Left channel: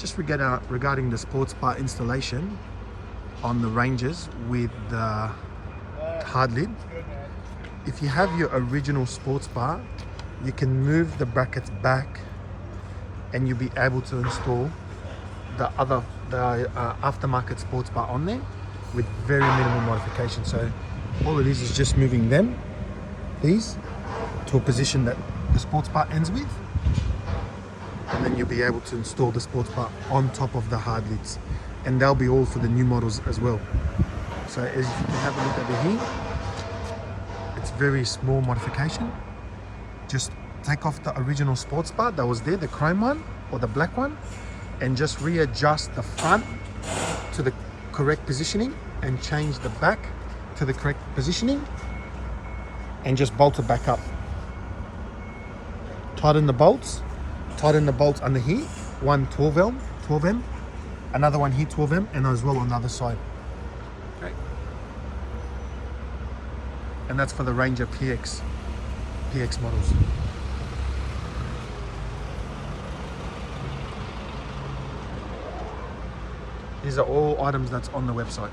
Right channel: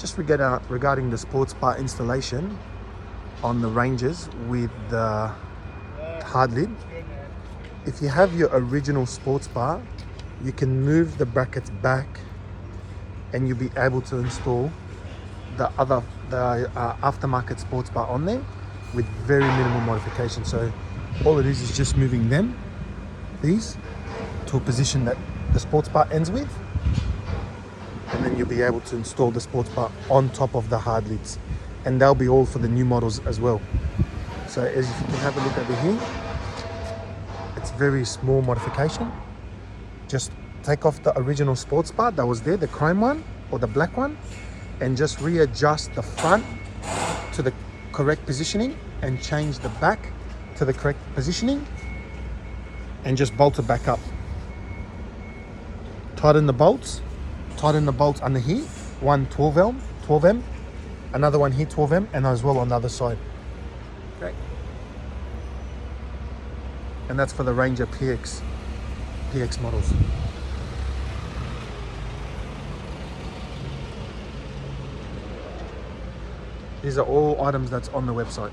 Just regarding the sports bar installation on the Rangers with the hard lid. If you have your original sports bar, you can move the brackets back and you'll be able to install the aftermarket sports bar on there with very minimal modification. So all it is just moving these to a position that the sports bar ends with, and then you'll be able to install the sports bar on top of the hard lids, and they'll be all for the new models as well. So as you can have a look over here, it's very small modification. Just take off the original sports bar that was there, the chrome one or the black one, and just readjust the front to the correct positioning and change the back to the correct positioning, and just bolt it back up. Tighten the bolts under here, one 12M, another one here 12M, and as well on the other side. Okay. And that's for the Ranger PX models. These are all items that's on the website.